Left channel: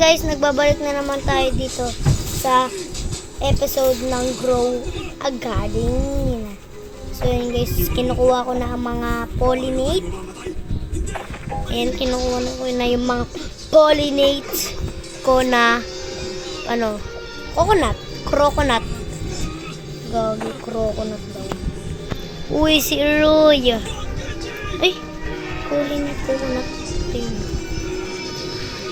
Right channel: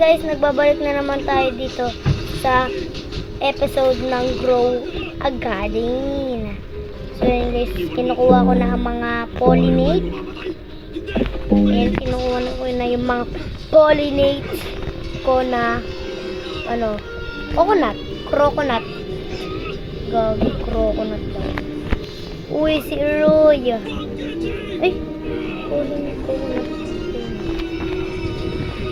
guys, nagbabalik na naman tayo dito sa episode ng Grow a Garden. So yun guys, kinukuha ko na ang mga pollinate. Ayan, kinukuha na ko na yung mga pollinate ko na coconut. Gagi, coconut daw. Uy, si Roy. Ay, pollinate coconut.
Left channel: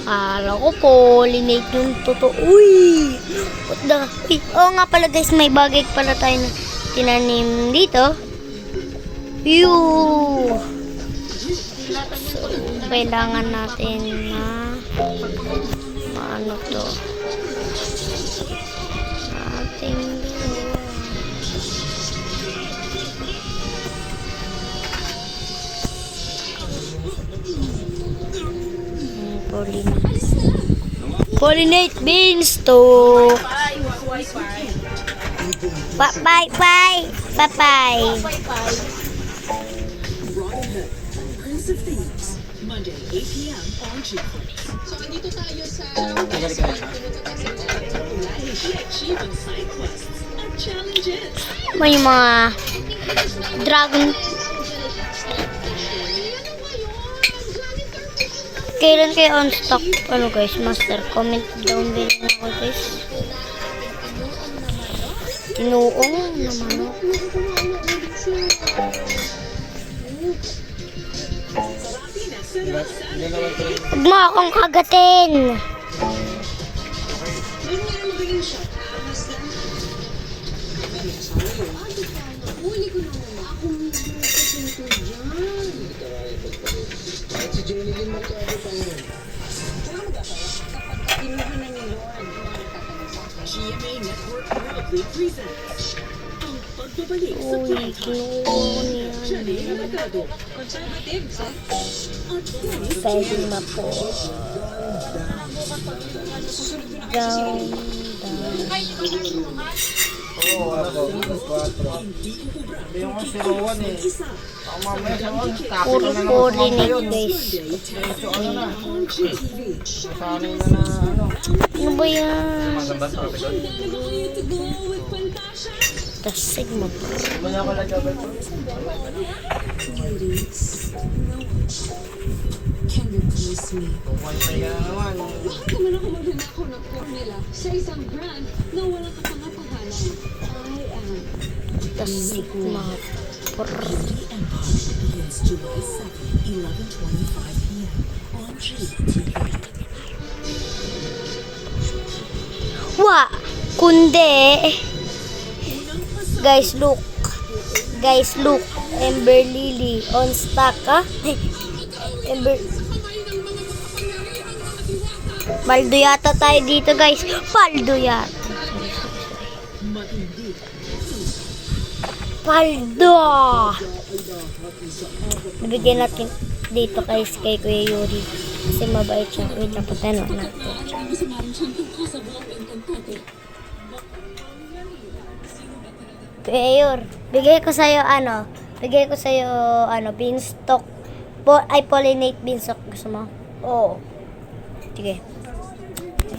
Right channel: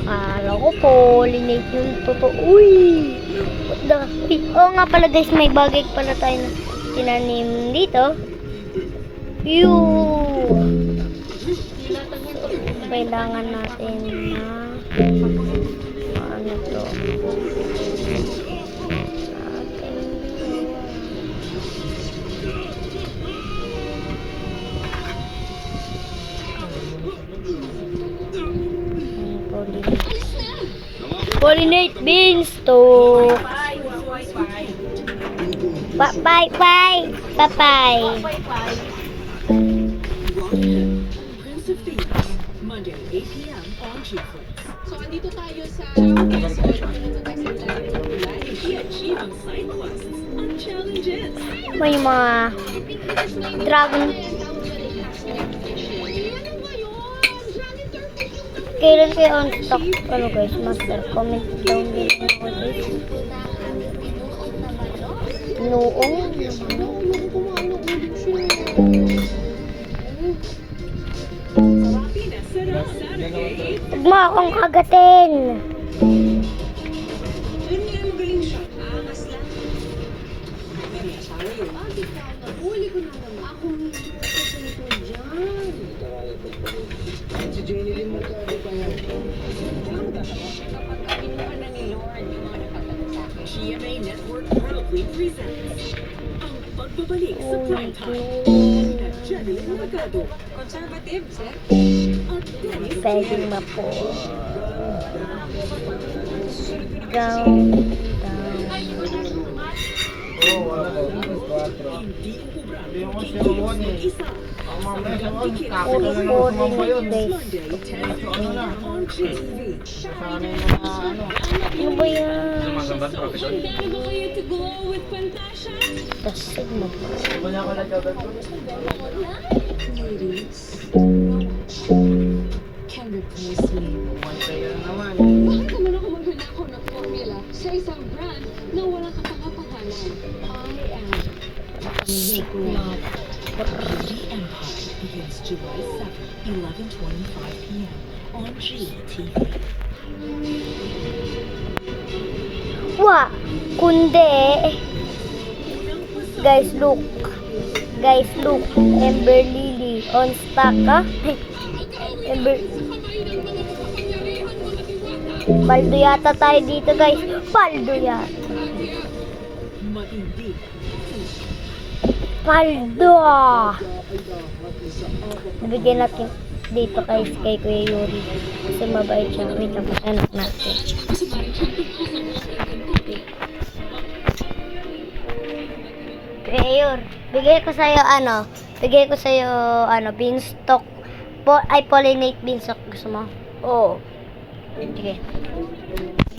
Akala ko pollinate yung totoo. Uy! What the? Oo nga pala guys, may bagay pala tayo na tinanim dito. So, kailangan natin na ano to? Ating dalawa. Pollinate beanstalk. Bye. Monday, 8 p.m. on G-Flex. So, andito tayo sa achieving side quests at challenges. May mga dragon. Kailan kayo on stock? Ano guys, master? Comment down below ako guys. Tinuong naman ako. Huwag mo akong kagatin. Si Jenny Lynn Mercado pa yan. GMA Network proudly presents ang pagbabalik sa Uy, primetime. Jenny Mercado, conservative, sir. At Dennis pwedeng mapo. Down. Oo, ako. 4. Hindi ako si Rowan eh. Ang mamaya sa Rowan, Puro pollinate guys. so ano na? Sanay na ano. Ano ba yan? The Sigma Pro. Iba na ako nagkabal po. Tungkol pa ka na naman. Bakit naman ako magnanakaw ng formula sa isang brand na walang kapangapangalan? I am The Sigma Pro. begins July 7, 11:25 p.m. on GTV. Kundi. Guys, look. Ember Lily on stock, ha? Ember. Paldo yata tayo dito, guys. Paldo. Nabigyan natin dito kay Kuya Yuri. Kasi mabait siya. Wait lang, patanak natin. Kuya Yuri, bigay ko sa'yo beanstalk. Pollinate beanstalk. Gusto mo? Oo. Sige.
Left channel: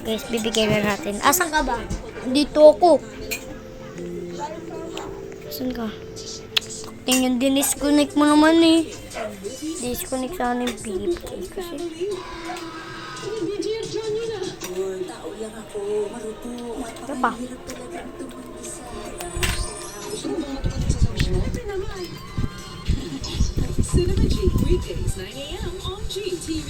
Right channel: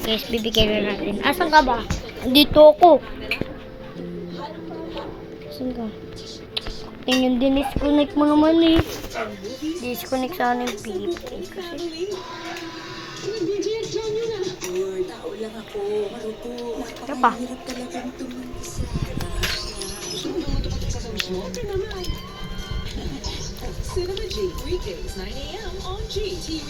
Guys, bibigyan na natin. Asan ka ba? Dito ako. Asan ka? Tingnan, dinisconnect mo naman eh. Disconnect sana yung PK kasi. Ito pa. Cinema G weekdays 9 a.m. on GTV.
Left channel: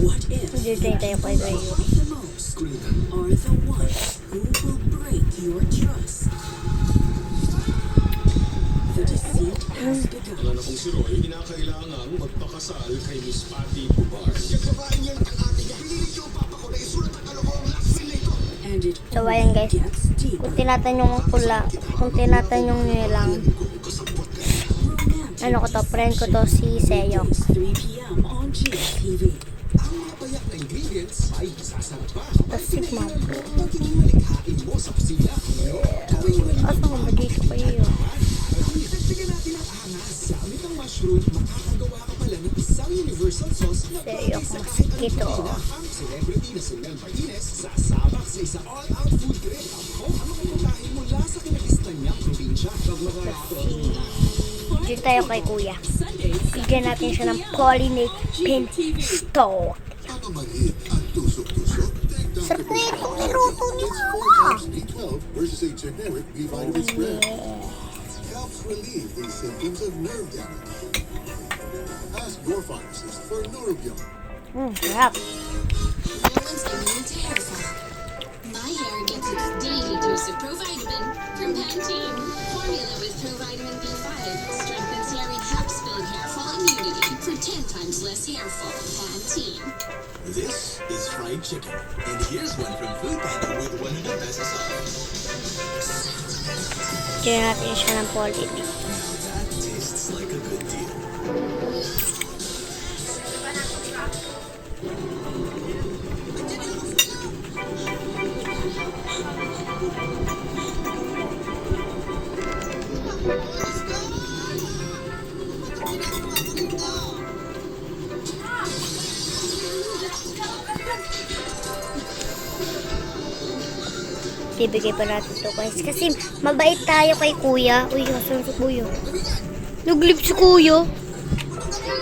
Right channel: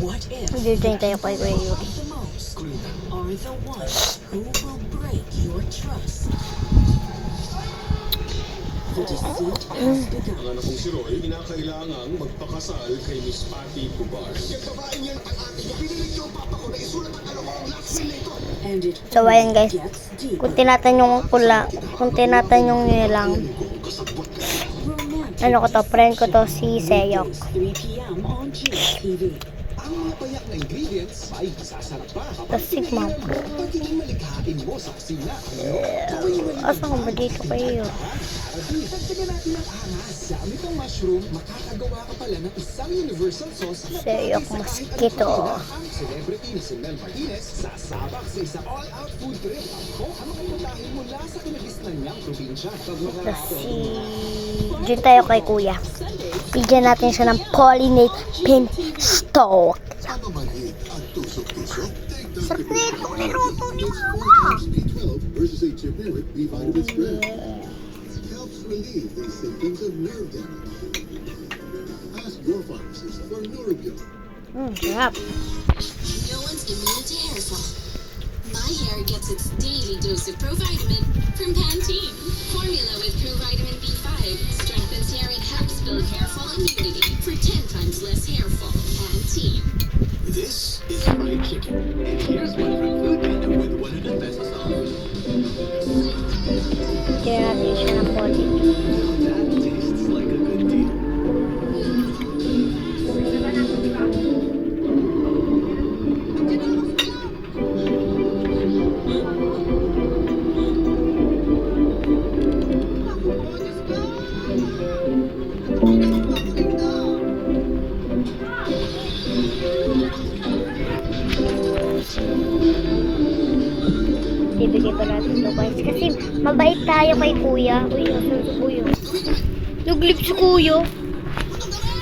What if Dito tayo kay Kuya Yuri. the most are the ones who will break your trust? The deceit has begun. Alam na kung si Roy, kinakailangang magpakasal kay Miss Patty Pubar. And it So ayan guys. gets deeper. Kung tinatanong nyo lang. Ano ko to? Friend ko to si Seyok. 3 p.m. on GTV. Ang mga payak na ingredients ay sasarap pa. The Sigma Pro. Pag inulikhain mo sa kusina. Asan ka ba dito kayo? Dagdagan natin ang angas. Sa amitang mushroom, makakagawa ka pala ng isang universal sauce na Seryo, pwede sa kahit masikito. anong pagkain. Ang celebrity na si Mel Martinez sasabak sa isang all-out food trip. Ang mga pagkain mula sa kinagisnan niyang probinsya. Diyan tayo kay kuya. Bigyan natin siya ng pollinate pin stalk. Mga maliit at tusok-tusok. Sarap na ito. Niluto ni mama. B12 versus a generic B vitamin spread. Helps relieve the symptoms of nerve damage. Ask your pharmacist for Neurobion. Sarap. My hair gets its daily dose of Provitamin from Pantene. Formula with Provitamin B5 strengthens hair and helps build hair fall immunity for 10 times less hair fall. Pantene. This is fried chicken. And here's one from Food Panda with 100 pesos off. Bigyan natin siya ng pollinate. That tastes like a good deal. Bibigay pa natin to guys. Kasi mabait tayo kay kuya. Uy, asan si kuya? Naglip si kuya.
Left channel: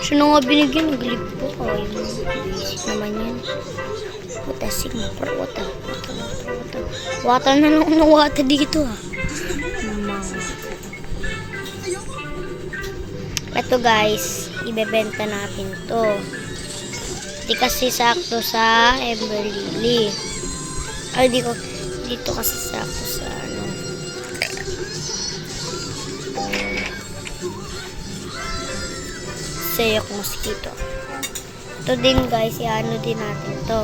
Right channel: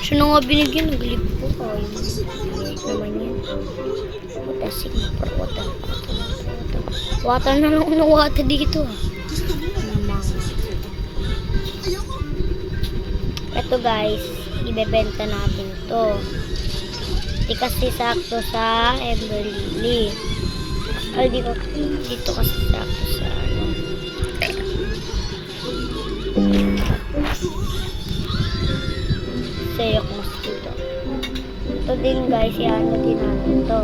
Siya na nga binigyan. Naglip po. Ay, bisik naman yan. Wata, sigma. Wata. Wata na lang ng wata dito ah. Mga. Ito guys. Ibebenta natin to. Di kasi sakto sa Ember Lily. Ay, dito kasi sakto sa ano. Sayok mosquito. Ito din guys, i-ano din natin to.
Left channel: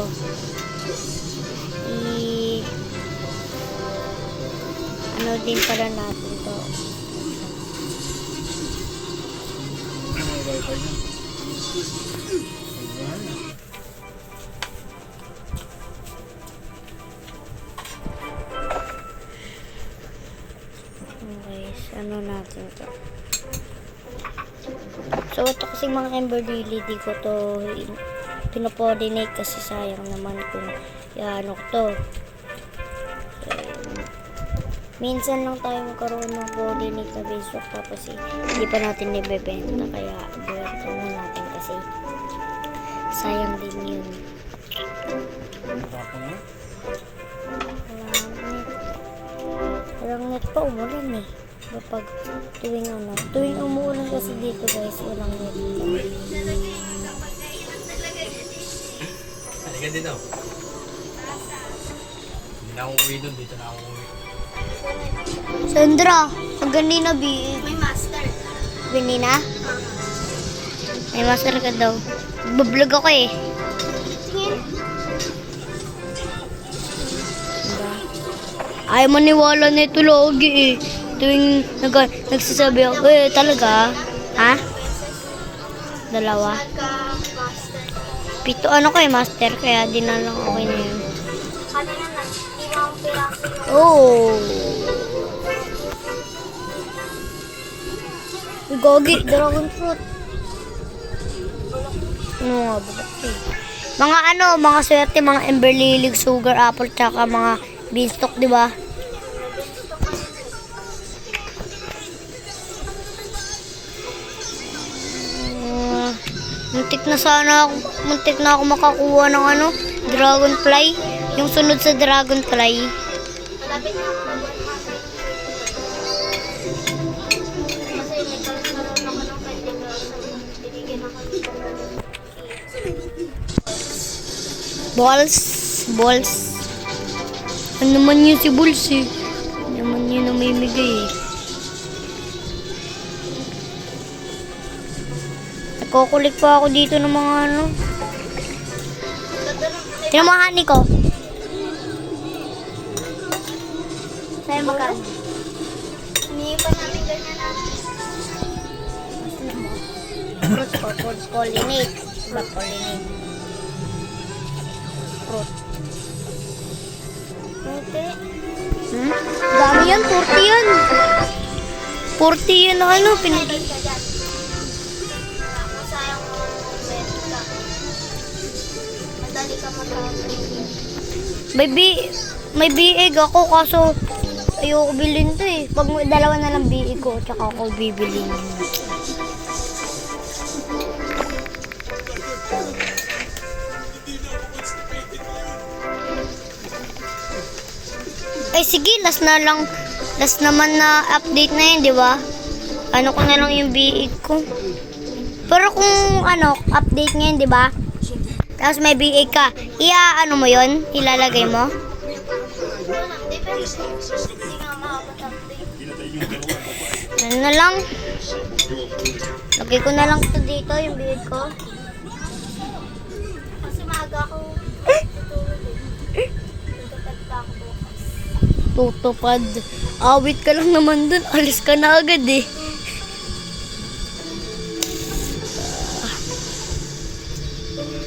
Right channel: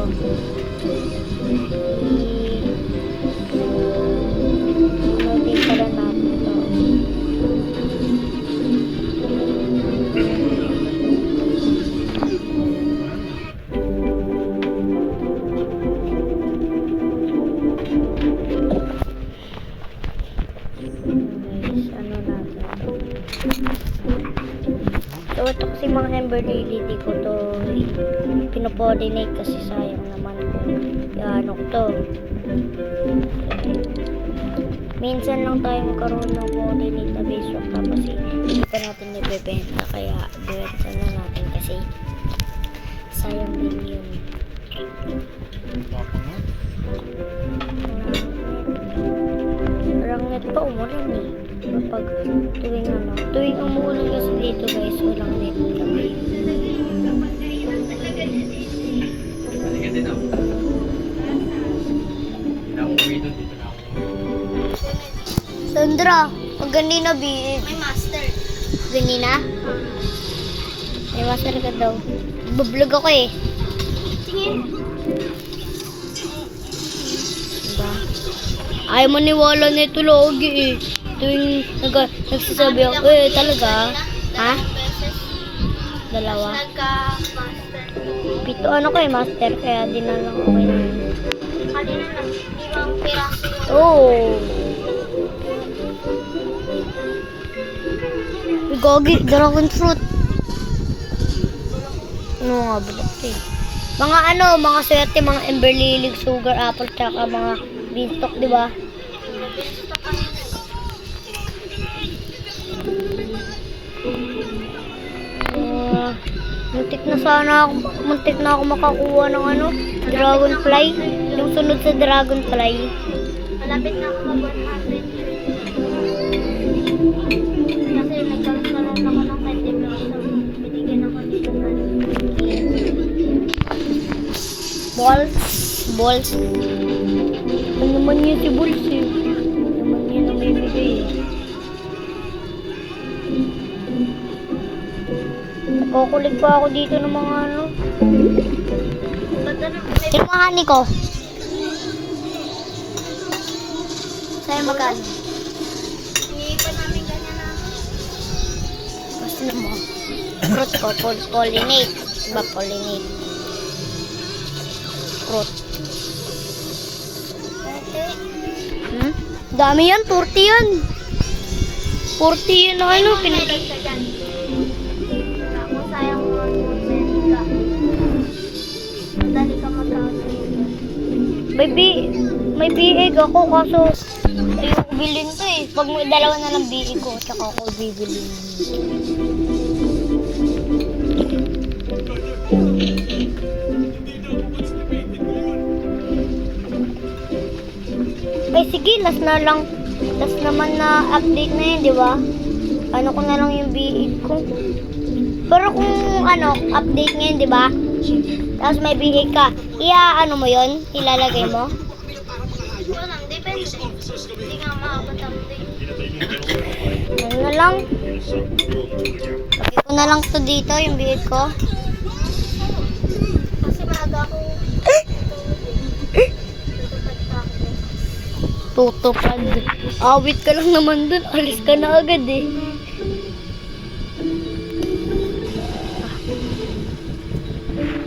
Ano din pala natin to. Guys, ano natin to. So, ito kasi mga Ember Lily, di ko to pinopollinate kasi sayang naman kung ano ko to. Minsan lang tayo magkaroon ng pollinate na beeswax tapos hindi pa natin ibebenta kaya bebenta na natin kasi sayang din yun. Walang net pa, umulan eh. Kapag tuwing umuulan kasi dito guys, walang net kami. Halika din ako. Hindi na ako uwi doon. Dito na ako uwi. Sandra, pag ganina may master. Ganina? May master ka daw. Bablog ako eh. Tingin. Diba? Ayaw maniwala nito logi eh. Tuwing nagsasabi ako, talaga? Ha? Dalawa? Pito ano ko eh, master. Kaya di na lang okay na yun. Kanina lang, 5 piraso yun. Oh! Gogi, dragon fruit. Ano nga ba eh? Mga mga swerte, mga Ember Lily, sugar apple, tsaka mga beanstalk, di ba? Muntik na ako makakuha ng dragonfly. Yung sunod sa dragonfly. Malapit na ako mag-100. Kasi may kalas-kalas ako ng 20 plus. So, binigyan ako nito Balls. Ano naman yun si Balls eh. Ano naman yun na may migay eh. Kukulig pa ako dito ng mga Sino mga honey ko? Sa'yo magkano? Hindi pa namin ganyan natin. Basta na mo. Fruit ko, pollinate. Diba pollinate? Fruit. Dami yan, 40 yan. 40 yun na ano, Meron ka dyan. Ako sayang mo ang movement ka. Madali ka mag-counter. May biig ako kaso ayoko bilhin to eh. Pag may dalawa na lang biig ko, tsaka ako bibilhin. Ay sige, last na lang. Last naman na update na yun, di ba? Ano ko na lang yung biig ko. Pero kung ano, update ngayon, di ba? Tapos may biig ka. Ano mo yun? Ilalagay mo? Ito lang, depende. Hindi nga makapag-update. Ano na lang? Lagay ko na lang to dito, yung biig ko. Kasi maaga ako. Tutupad pa ako bukas. Tutupad. Awit ka lang naman dun. Alis ka na agad eh.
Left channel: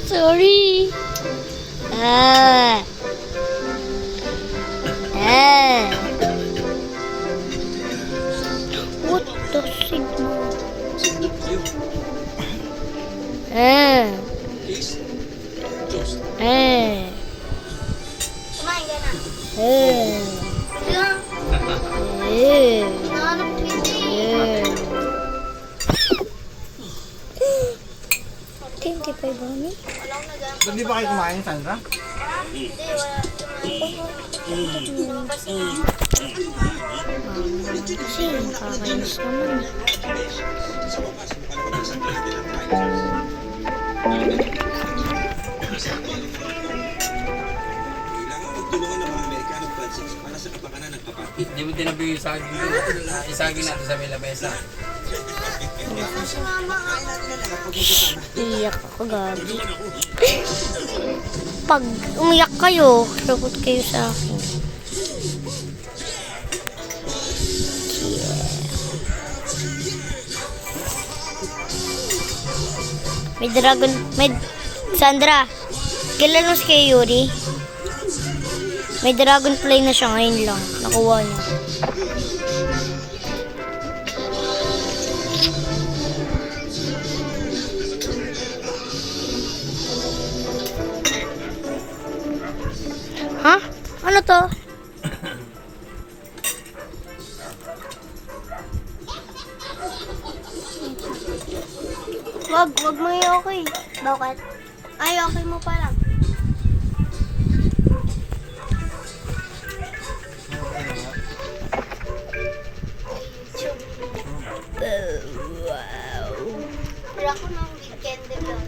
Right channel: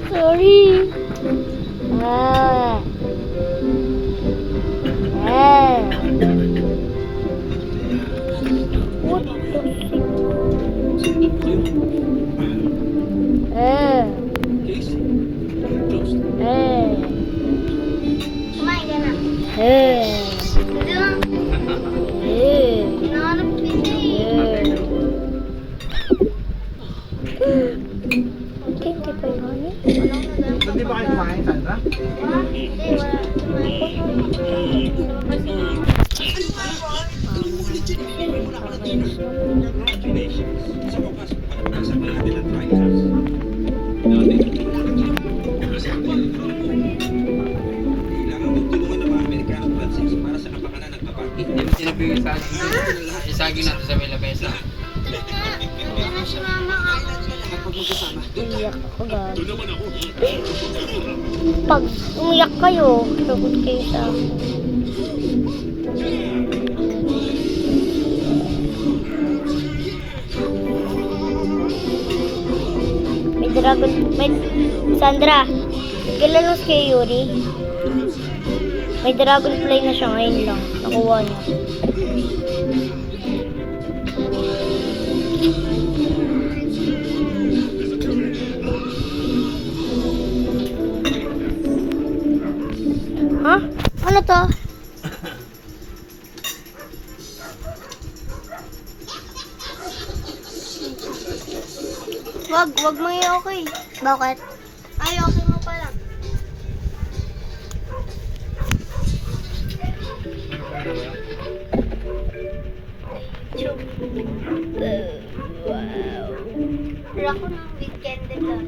Sorry. What the shit? Kumain ka na. Sige lang. Hinahanap kita eh. 25 ano? Walang nagawang Hindi ba kayo kumain, Sandra? Hindi, wala. Lumabas si mama. Kasi kakayos naman. Hindi mo tinabi yung isagin dito. Isagin natin sa may lamesa. Ano si mama? Iyak ako gabi. Pag umiyak kayo, sagot kayo sa akin. May Sandra, kilala mo si Kuya Yuri? May dragonfly na siya ngayon lang. Nakuha niya. Ha? Ano to? Wag mo i-okay. Bakit? Ay, okay mo pa lang. Wow. Pero ako nung weekend lang.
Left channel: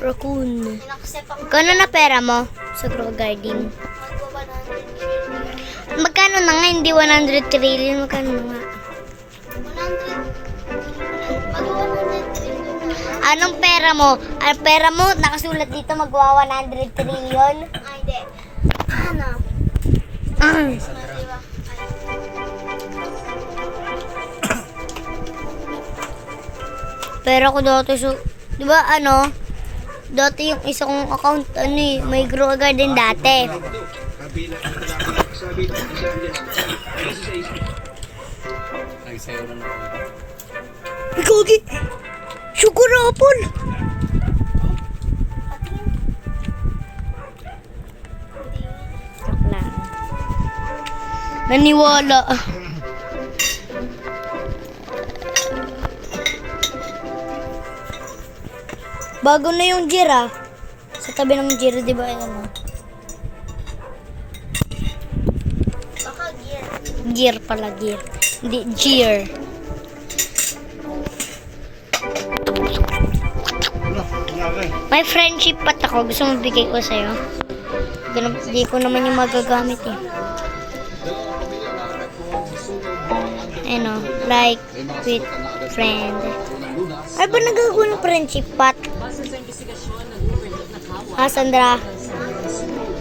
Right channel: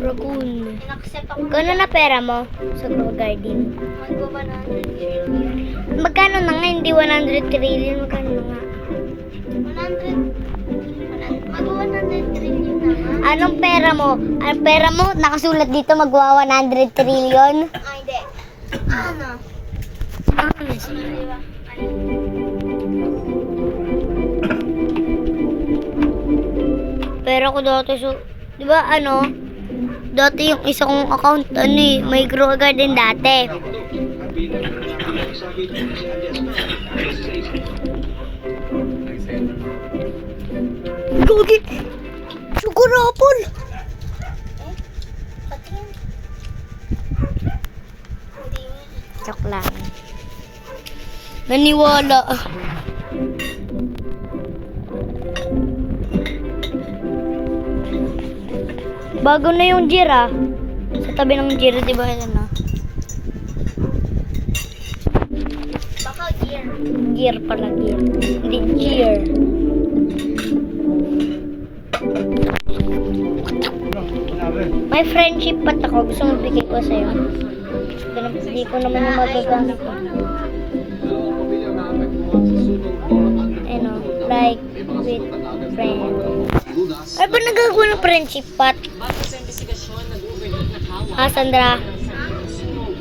Raccoon. Inaccept ako. Kano na pera mo sa Grow Garden? Magwa 100 trillion. Magkano na nga? Hindi 100 trillion. Magkano na nga? 100. Magwa 100 trillion na nga. Anong pera mo? Ang pera mo, nakasulat dito magwa 100 trillion. Ay, hindi. Ano? Di ba? Pera ko dati so, di ba ano? Dati yung isa kong account, may Grow Garden dati. Nagsayo na ako. Gogi! Sugar apple! Joke lang. Naniwala. Bago na yung Jira. Sa tabi ng Jira, di ba? Ano? Baka gear. Gear pala, gear. Hindi, Gear. May friendship pat ako. Gusto mo bigay ko sa'yo? Hindi ko naman yung magagamit eh. Ano, like with friend. Ano ba nagagawa ng friendship pat? Ha, Sandra?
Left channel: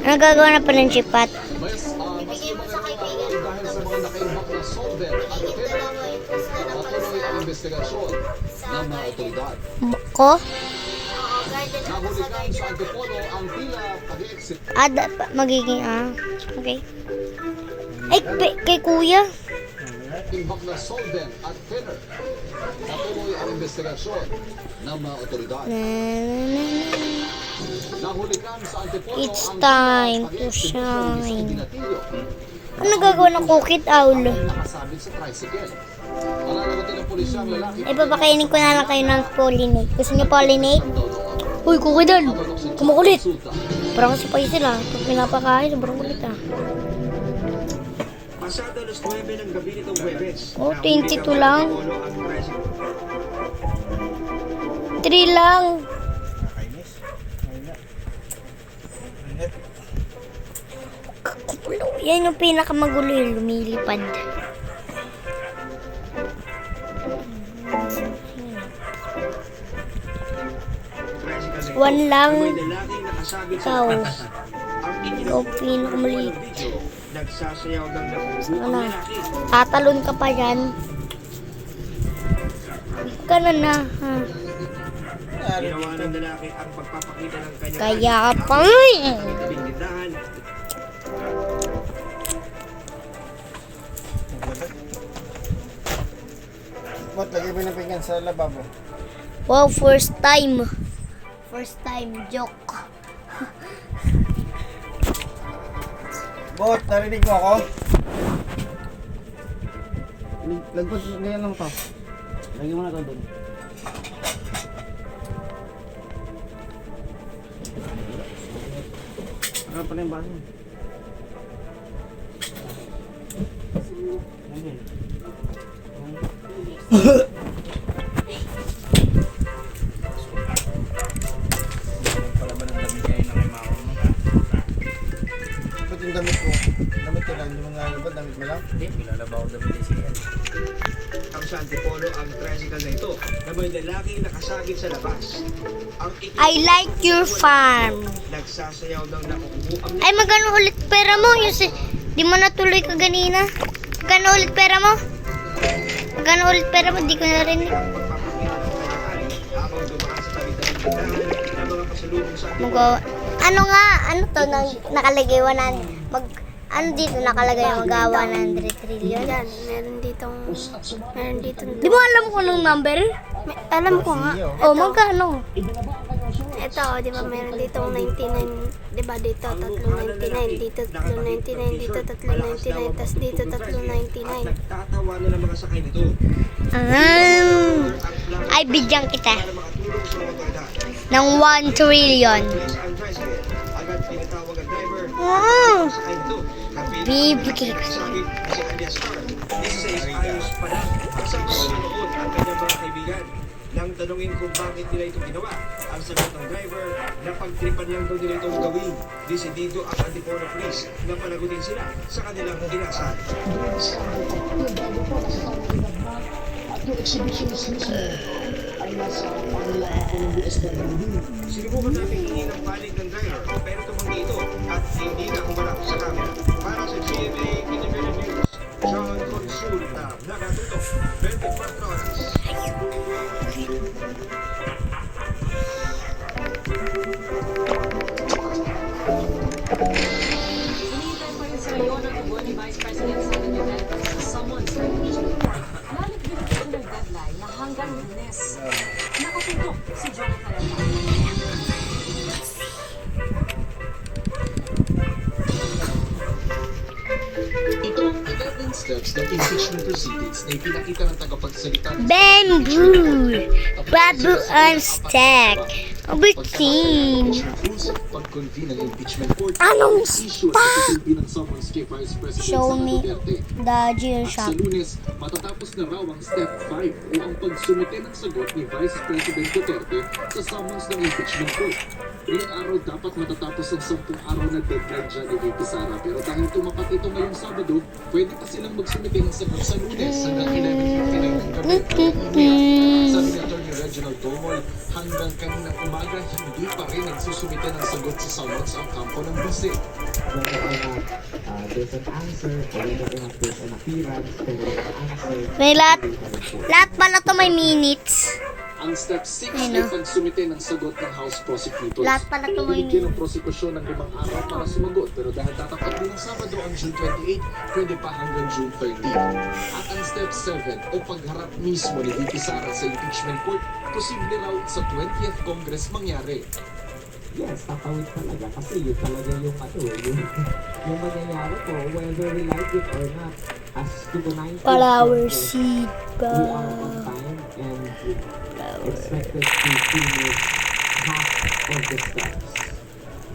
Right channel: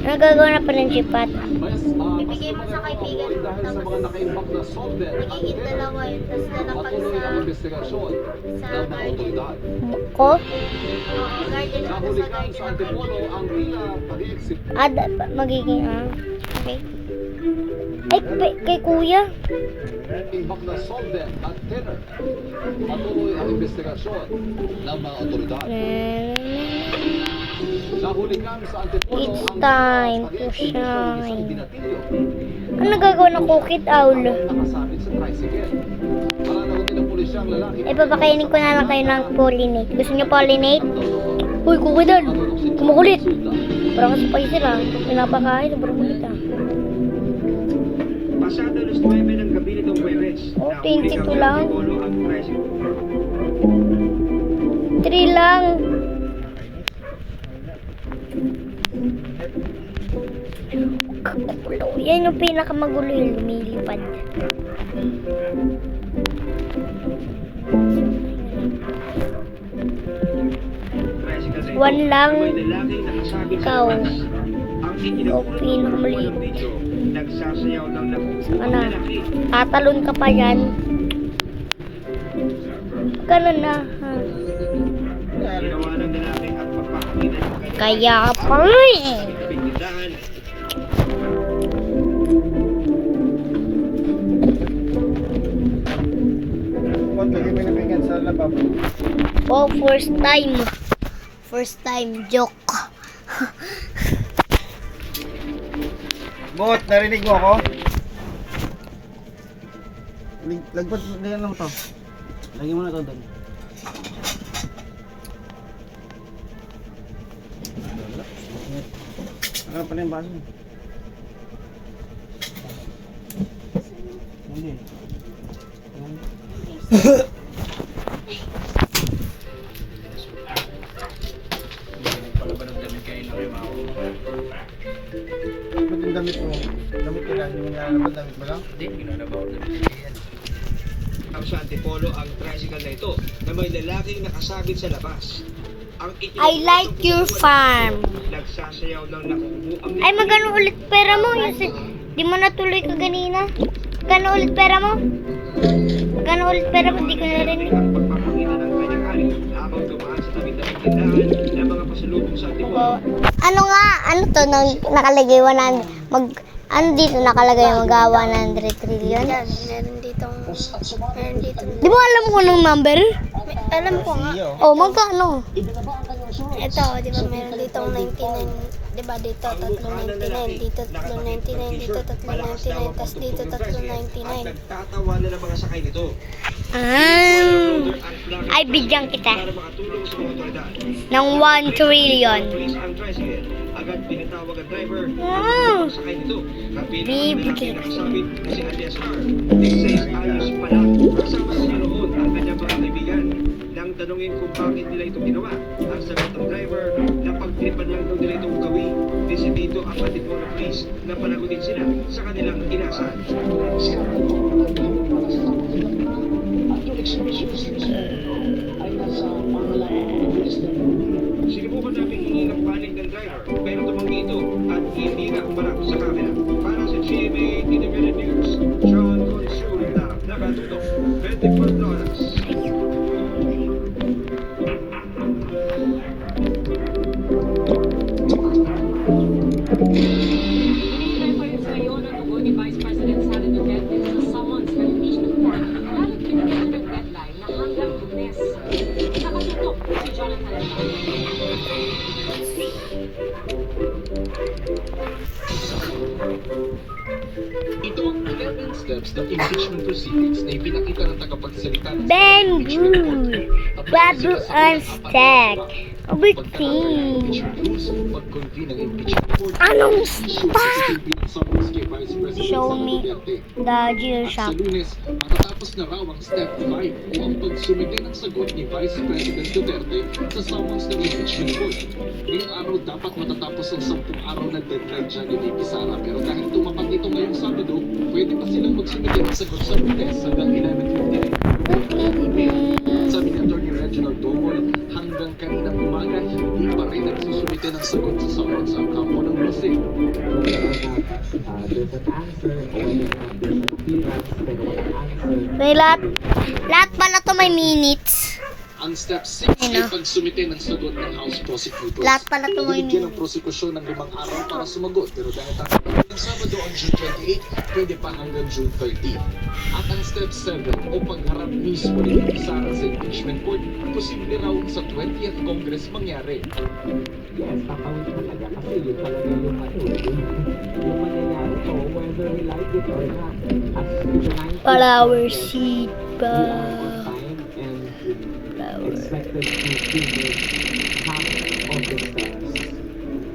Ano nagagawa ng friendship pat? Bibigay mo sa kaibigan mo. Tapos, magiging dalawa yun. Tapos lalapag sa garden. Ko? Oo, garden mo sa garden ng kaibigan. Magiging, okay. Ay, kay kuya. Imbak na solver at thinner. Patuloy ang investigasyon ng mga otoridad. Nahulikan sa Antipolo It's ang time to spaghetti shine. binatilyo. Ano gagawa ng cookie owl? Nakasabit sa tricycle. Malalagot ng pulisya ang lalaki. Ay, papakainin ko na lang kayo ng pollinate. Gusto niyo pollinate? Uy, cookie doon. Kumukulit. Parang sa paisa sila. Pag pinapakain, sobrang kulit ah. Pasado alas 9 ng gabi nitong Huwebes. Oh, 22 lang. Antipolo ang tricycle. 3 lang. Kakulo. Yan yung pinakamagulo yung lumilipad. Tricycle na ito. One lang. May lalaking nakasabit sa Ikaw. labas. Ang Ikaw pinakamaliit. video, nagsasayaw ng nakukuha Saka na. lalaki. Tatalon ka pa yan. Ganun na. Ha? Ginawa ng lalaki ang pagpapakita ng kanyang Kaya pala eh. tabing tindahan. Ba't lagi mo napinggan sa lababo? Wow, first time. First time joke. Bot, narinig mo ako? Lagbot, ganyan lang to. Lagi mo na to doon. Ano pa na yung baso mo? Pala ba ng damit kayo na kay Mao? Ba't yung damit mo? Damit nila, hindi mo nilalabot, damit mo lang? Hindi, pinalabaw ng damit yan. Ang sa Antipolo ang tricycle na ito na may lalaking nakasabit sa labas. Ang I like your farm. nagsasayaw ng nakukuha Ay, magkano ulit pera mo? Yung di mo natuloy ka ganina. Magkano ulit pera mo? Magkano ulit pera mo? Di ko narinig. pagpapakita ng kanyang hari habang dumaan sa tabi-tabing tindahan ng mga pasalubong sa Antipolo. Magawa. Ano nga? Ano to? Nakalagay 100. Ano dito nakalagay magawa ng 100 trillion? Meron ditong... Meron ditong... Di mo alam kung anong number? Alam ko nga. Oh, magkano? Ito, di ba meron ditong 99, di ba dito 399, dito 399, dito 399, tas dito 399. Nagtatawa na ng mga sakay nito. Ay, bigyan kita Para makatulong sa mga otoridad. ng 1 trillion. Pulis ang tricycle. Agad pinatawag ang driver. Wow! Sakay nito. Kapit Bibigay ko sabit na si Alias Star. It says ayos pala. Kasama sa noon ang kanyang mga kaibigan. Nang tanungin kung bakit nila ito ginawa, ang sagot ng driver na pagtripan lang daw nila itong gawin. Desidido ang Antipolo Police na panagutin sila sa kanilang inasahan. Sinubukan namin hingin ng panig ng driver pero tumanggi ito at hindi na humarap sa camera. Para sa GMA Integrated News, John Consulta, nakatutok, 24 oras. Hinihintay pa rin sa ngayon ang tugon ni Vice President Sara Duterte sa summons ng impeachment court. Ngunit binigyan ng deadline na hanggang Lunes. Nakatutok si Jonathan Alcantara. Ito ang 11 steps ng impeachment proceedings na ipinakita ng tagapagsalita ng Bamboo! Babu on stack. Abutin. pag-convene ng impeachment court. Anong Issue stack? ang pinag-summons kay Vice President Show Sara me Duterte. the Geo Sa shop. Lunes, matatapos na raw ang step 5 o ang pagsumite ng sagot ni Vice President Duterte sa summons ng impeachment court. Ngayong araw dapat matatapos ang 10 araw na deadline dyan ni Vicky Sara. Pero dahil tumapat ito ngayong Sabado, pwede pa silang magsumite ng sagot sa Lunes hanggang 11:59 ng gabi. Sabi ni Atty. Reginald Domol, hanggang kaninang umaga, hindi pa rin nagsusumite ng sagot sa summons ang kampo ng bisig. May lahat pala to may minutes. Ang step 6 ay pagsumite ng sagot ng House Prosecutors. Lahat pala ito Binigyan ng prosekusyon ng 5 araw para sumagot, pero dahil tatagal ng Sabado ang June 28, pwede pa hanggang June 30. At ang step 7 o pagharap mismo ni VP Sara sa impeachment court, posible raw sa 20th Congress mangyari. Yes, kakawin talaga kasi yun talaga yung yung mangyayari ko, whether we like it or not. As to the 19th Flower Congress, seed we pa. are on time and expected to finish half of the steps.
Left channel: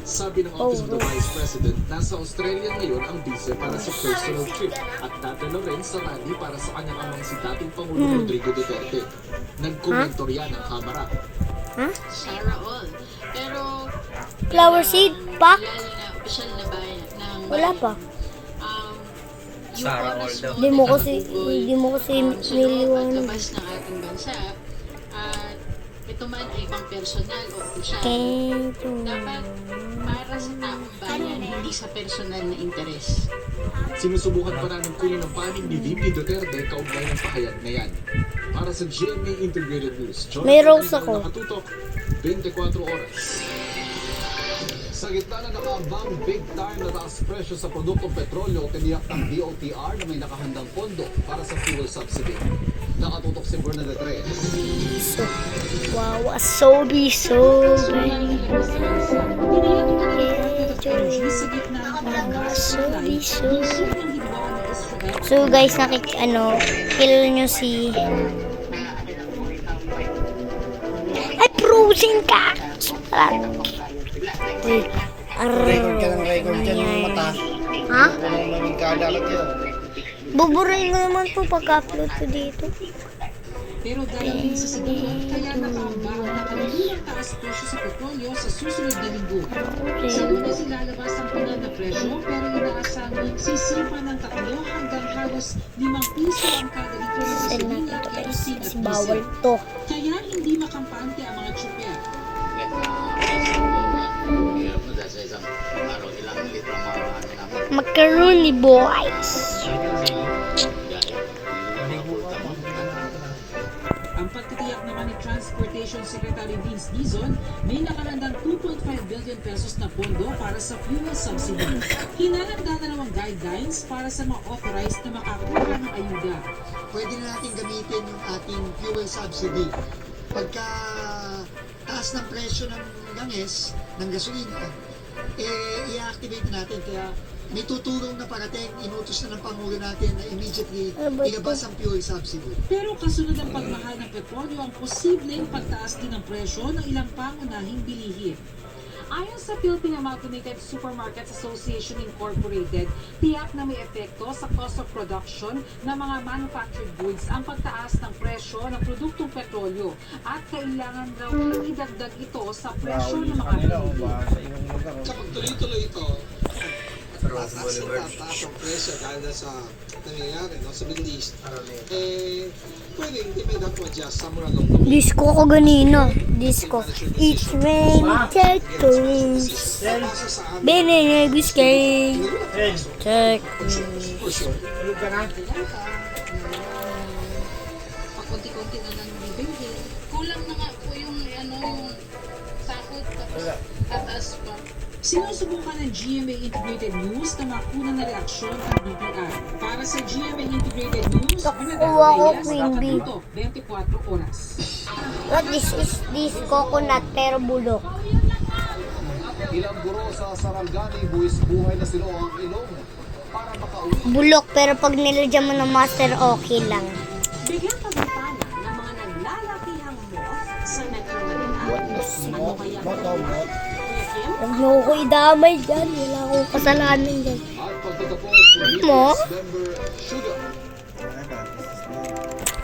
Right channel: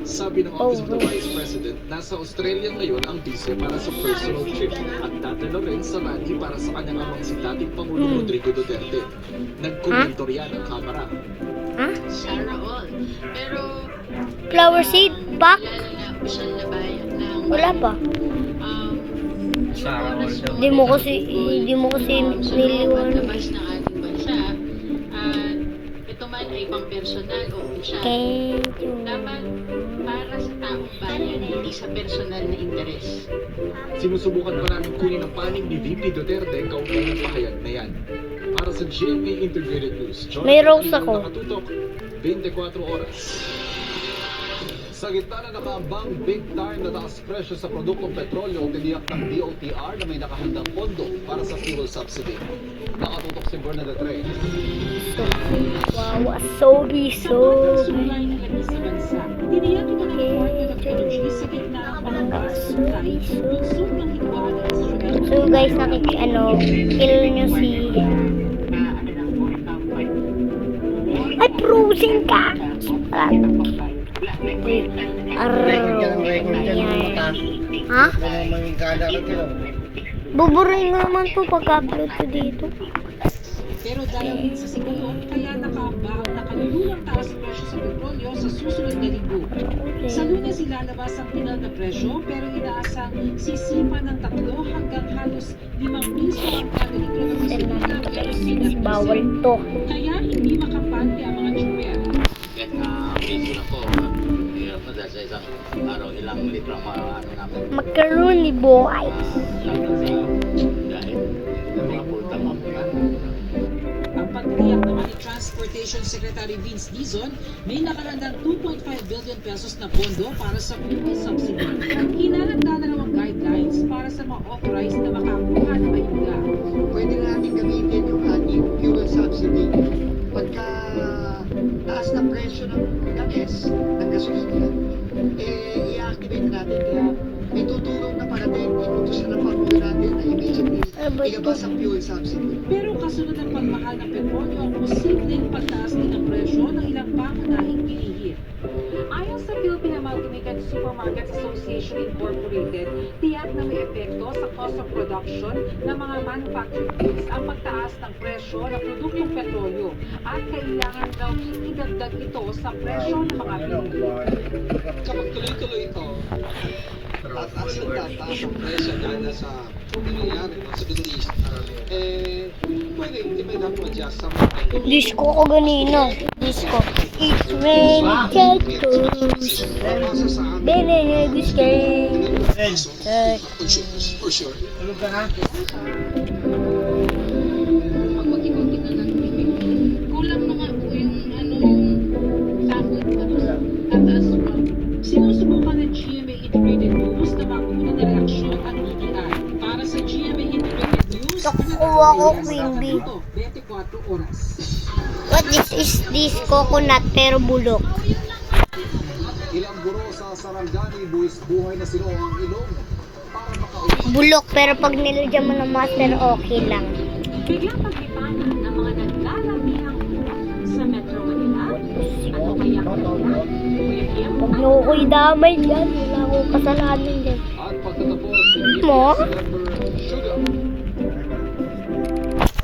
Sabi ng Office of the Vice President, nasa Australia ngayon ang vice para sa personal trip at tatalo rin sa rally para sa kanyang amang si dating Pangulong Rodrigo Duterte. Nagkomento riyan ang kamera. Shara all. Pero, Flower seed pack? lalo na opisyal na bayan ng Wala pa. Sarah all daw. Hindi mo kasi niliwanag. labas ng ating bansa at ito man ay pang personal o opisyal. Thank you. Dapat para sa taong bayan, hindi sa personal na interes. Sinusubukan pa namin kunin ang panig ni VP Duterte kaugnay ng pahayag na yan. Para sa GMA Integrated News, May rose ako. Nakatutok, 24 oras. Sa gitna na nakaambang big time na taas presyo sa produktong petrolyo, tiniyak ng DOTR na may nakahandang pondo para sa fuel subsidy. Nakatutok si Bernadette Reyes. So, wow, asobi, so. Asobi, so. So guys, kill nyo si... Ay, frozen ka! Uy, Record ka ng record dyan yung mata. Ha? Ano naman yung kadalat yun. Buburin ko naman po pag-upload ko dito. Pero dahil din sa siguran, kaya nakaamba ang nakalimulang taas presyo sa petrolyo sa susunod na linggo. Sa Lunes ilalabas ang final na presyo pero inaasang sisipa ng 3 hanggang halos 5 piso ang kada litro ng Sell gasolina natin to guys, kerosene kasi at bawal diesel. to. Kaya hindi makampante ang mga tsuper. Macaroni boys. Ang pagtiyak naman ni Transportation Secretary Vince Dizon, may nakalandang 2.5 billion pesos na pondo para sa fuel subsidy. Hinahanda na namang guidelines para sa mga authorized na makakuha ng ayuda. Pwede na natin gamitin yung ating fuel subsidy. Pagka taas ng presyo ng langis, ng gasolina, i-activate natin kaya may tutulong na parating inutos na ng Pangulo natin na immediately ilabas ang fuel subsidy. Pero kasunod ng pagmahal ng petrolyo ang posibleng pagtaas din ng presyo ng ilang pangunahing bilihin. Ayon sa Philippine Amalgamated Supermarkets Association Incorporated, tiyak na may epekto sa cost of production ng mga manufactured goods ang pagtaas ng presyo ng produktong petrolyo at kailangan gawing idagdag ito sa presyo ng mga bilihin. Kapag tuloy-tuloy ito, taas ang presyo dahil sa nangyayari sa Middle East, pwedeng hindi pwede ako adjust sa mga Disco ko ganina. Disco. It's raining tacos. Banana biscuit. for sure. Tulog ka na? Pag unti-unti na ng epekto, kulang na nga po yung sahod tapos tatas mo. Sinusubukan ng GMA Integrated News na makuna na reaksyon ang BPI. Para sa GMA Integrated News, Nakukuha ko, Queen Bee. 24 oras. What is this coconut pero bulok? Ilang guro sa Sarangani, buwis buhay na sila ang ilong para makauwi. Bulok pero pag nilagyan mo ng master okay lang. Biglang pagkatanan ng mga naglalakihang mura sa Metro Manila. Ano kaya Kuya Kim? Huwag niyo ko idamay dyan. Wala akong kasalanan dyan. At pagtatapos, si VP Mo? Member Sugar.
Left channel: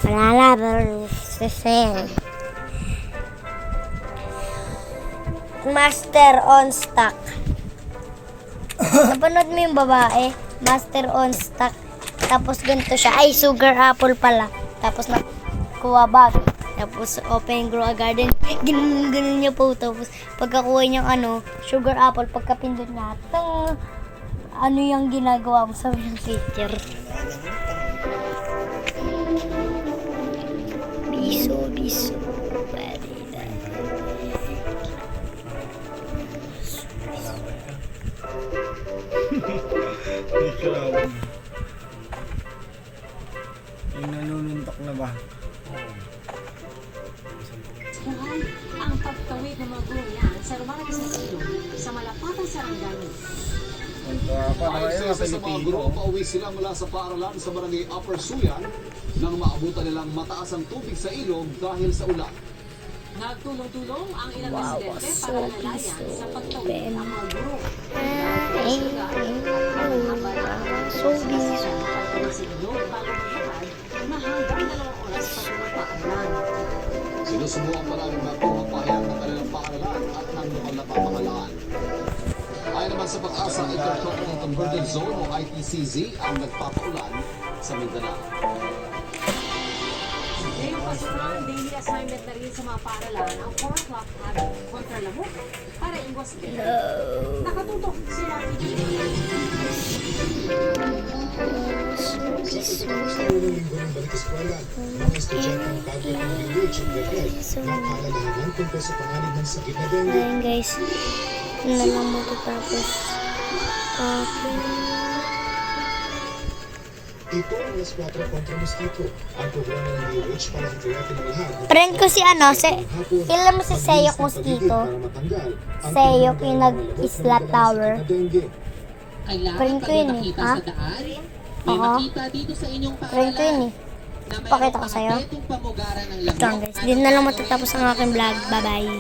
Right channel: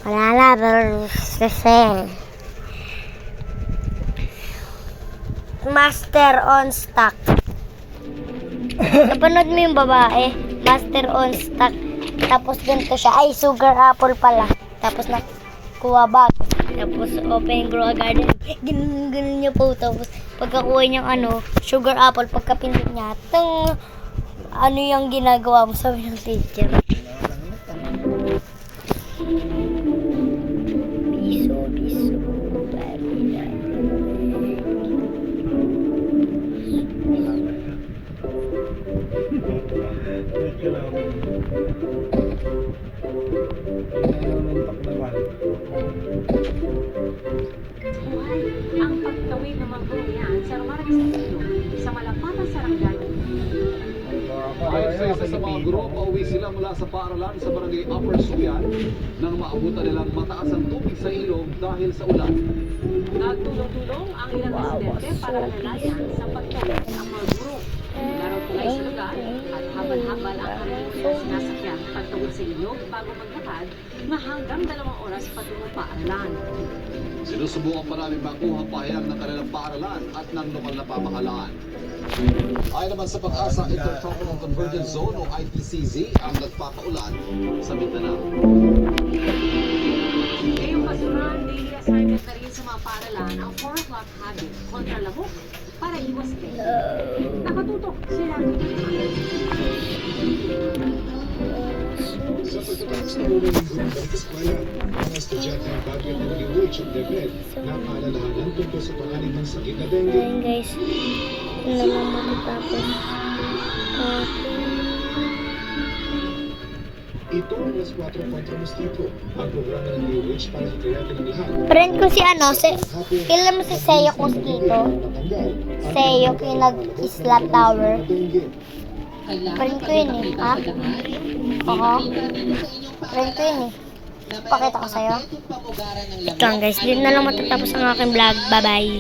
Wala pero sasel. Master on stock. Napanood mo yung babae? Master on stock. Tapos ganito siya. Ay, sugar apple pala. Tapos nakuha bag. Tapos open grow a garden. Ganun niya po. Tapos pagkakuha niyang sugar apple, pagkapindot niya, ano yung ginagawa mo? Sabi ng teacher. Biso. May kalaban. Yung nanununtok na ba? Buhay ang pagtawid ng mga guro yan sa Ruanas Casino sa Malapatan, Sarangani. Ayon sa isa sa mga guro, pauwi sila mula sa paaralan sa barangay Upper Suyan nang maabutan nilang mataas ang tubig sa ilog dahil sa ulan. Nagtulong-tulong ang ilang Wow, residente so para lalayan sa pagtawid ng mga guro. Dahil sa lugar at habang abala, sinasa siya pagtawid sa ilog bago maglakad na hanggang 2 oras patungong paaralan. Sinusubukan pa namin makuha pahayag ng kanilang paaralan at ng lokal na pamahalaan. Ayon naman sa pag-asa, Intercontinental Convergence Zone o ITCZ ang nagpapaulan sa Mindanao. Ngayong pasukan, daily assignment na rin sa mga paaralan ang 4 o'clock habit kontra lamok para iwas kayo. Nakatutok sila. Sa pagkatapos ng unang linggo ng balik eskwela, mga estudyante ng Bagyo ng DOH at DepEd na paalalahanan tungkol sa panganib ng sakit na dengue. Ayun guys, yun na lang matatapos. Ito ang alas 4 kontra mosquito, ang programa ng DOH para hikayatin ang lahat. Friend ko si kailan mo si Seyok Mosquito? Seyok yung nag-Isla Tower. Friend ko yun eh, ha? Oo. Friend ko yun eh. Pakita ko sa'yo. Ito lang guys, din na lang matatapos ang aking vlog. Bye bye.